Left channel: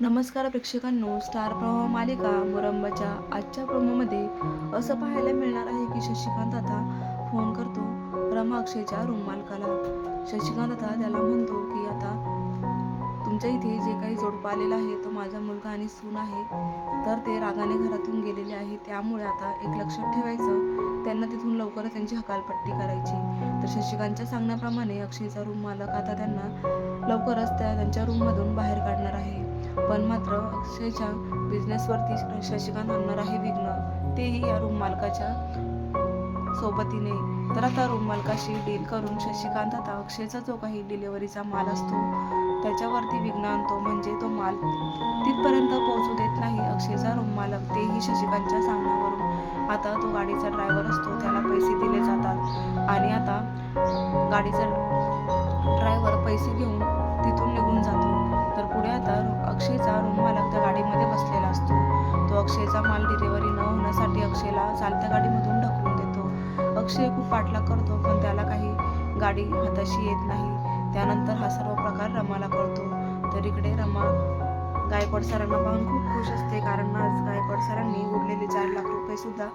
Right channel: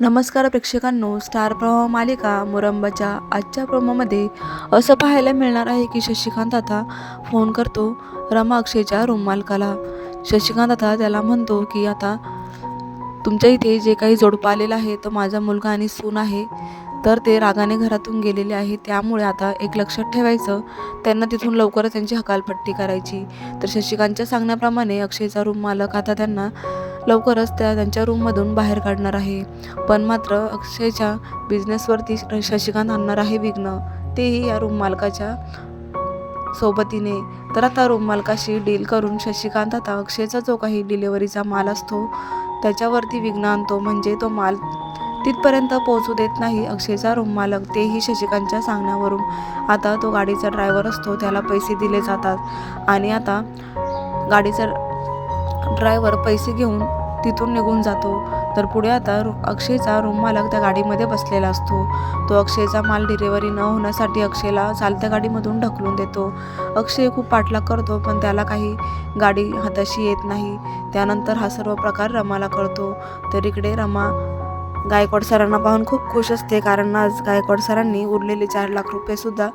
नमस्कार प्रेक्षकांनो स्टार प्रवाह मालिका मुरंबाच्या आजच्या प्रोमोमध्ये असं पाहायला मिळणार आहे की शशिकांत आता फोन करतो रमा अक्षयच्या रूम मालकाला. शशिकांत आता त्याला म्हणतो की आता तुमच्या इथे जे काही जोडपं आलेलं आहे तो माझा मुलगा आणि सून आहे तर ते रागाने घरातून गेलेले आहे. त्यामुळे आता एक लक्षात ठेवायचं त्यांना तिथून लवकरच त्यांची हकालपट्टी करायची. तर शशिकांतच्या सांगण्याप्रमाणे अक्षयचा रूम मालक आता त्यांना लवकरच त्या त्यांच्या रूममधून बाहेर काढणार आहे. पण मात्र अक्षयच्या बिझनेसवरती शशिकांत आणणार आहे विघ्न. तेही या रूम मालकाच्या सोबतीने. तर आता रूम मालकाशी डील करून शशिकांत आता अक्षयचा जो काही डिलेवरीचा माल असतो त्याच्यावरती विघ्न आणतो. म्हणजे तो माल तिथपर्यंत पोहोचू देत नाही अक्षयचा रूम मालक. तेही शशिकांतच्या सांगण्यावरून. आता तो गाडीचा ड्रायव्हर असतो. त्याला पैसे दिले जातात. आणि आता गाडीचा ड्रायव्हर पैसे घेऊन तिथून निघून जातो. तर पुढे आता अक्षयचा रूम मालक त्या गाडीमध्ये बसलेला असतो. तो अक्षयचा माल डिलिव्हरी न होण्यासाठी अक्षयला चालत्या गाडीमधून ढकलून देतो. अक्षय खूप पाठलाग करतो पण त्याला काही गाडी हाताशी येत नाही. त्यानंतर हा सर्व प्रकार रमाला कळतो. तर इकडे रमा गायकवाड सरांना पाहून खूप खुश असते. कारण आज गायकवाड सरांनी उरलेले चार लाख रुपये सुद्धा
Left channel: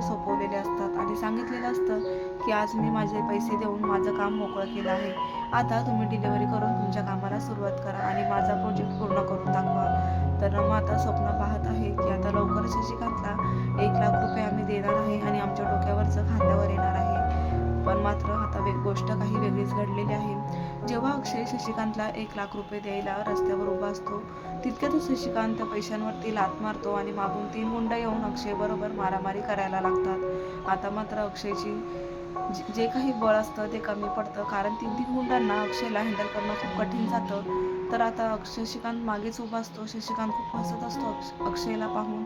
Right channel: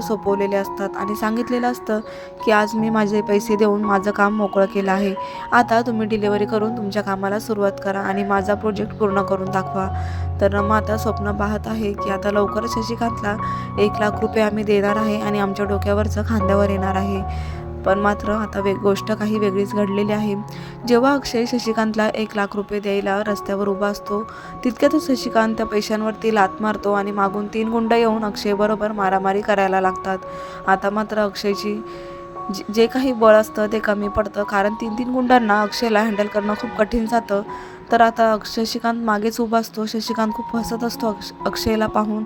सोपवलेले असतात. आणि सांगितलेलं असतं की आज मी माझे पैसे देऊन माझं काम मोकळं केलं आहे. आता तुम्ही डिलिव्हरी करून तुमच्या कामाला सुरुवात करा आणि माझा प्रोजेक्ट पूर्ण करून दाखवा. तर रमा आता स्वप्न पाहत आहे की आता लवकरच शशिकांतला एक लाख रुपये आम्ही देणार आहे आणि आमच्या डोक्यावरचं खांद्यावर येणार आहे. पण मात्र आता वेग गोष्ट काही वेगळीच घडलेली आहे. जेव्हा अक्षय शशिकांतला एक लाख रुपये द्यायला रस्त्यावर उभा असतो तितक्यातच शशिकांत त्या पैशांवरती लात मारतो आणि मागून तीन गुंड येऊन अक्षयबरोबर मारामारी करायला लागतात. आता मात्र अक्षयची जे- जे काही बळ असतं ते कमी पडतं. कारण तीन तीन गुंडांना अक्षयला हँडल करणं खूप कठीण जातं. तर आता अक्षयशिकांत मागेच उभा असतो. शशिकांत खूप हसत असतो अक्ष अक्षयला पाहून.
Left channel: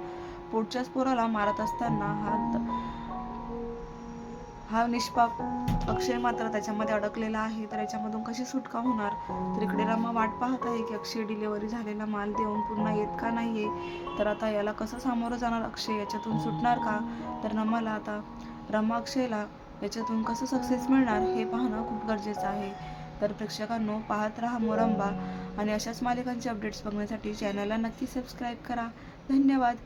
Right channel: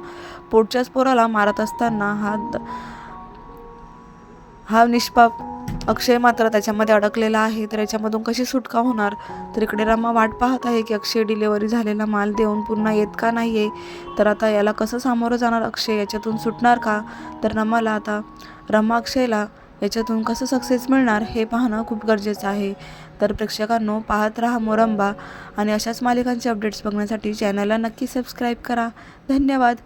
पोटच्याच पोराला मारत असताना हात हा निष्पाप अक्षय मात्र त्याच्यामध्ये अडकलेला आहे तर याच्यामधून कशी सुटका होणार? तर इकडे रमा वाट पाहत आहे की अक्षय डिलेवरी झालेला माल देऊन पुन्हा येत का नाही आहे तर आता याला कसं सामोरं जाणार अक्षय? याच्यातून सुटणार का? तर रमाला आता रमा अक्षयला याच्यातून कसं सक्सेस मिळणार हे पाहणं खूप गरजेचं आहे. तर प्रेक्षकांनो पाहत राहा मोरंबा आणि अशाच मालिकांचे अपडेट्स बघण्यासाठी चॅनलला नक्की सबस्क्राईब करा. धन्यवाद.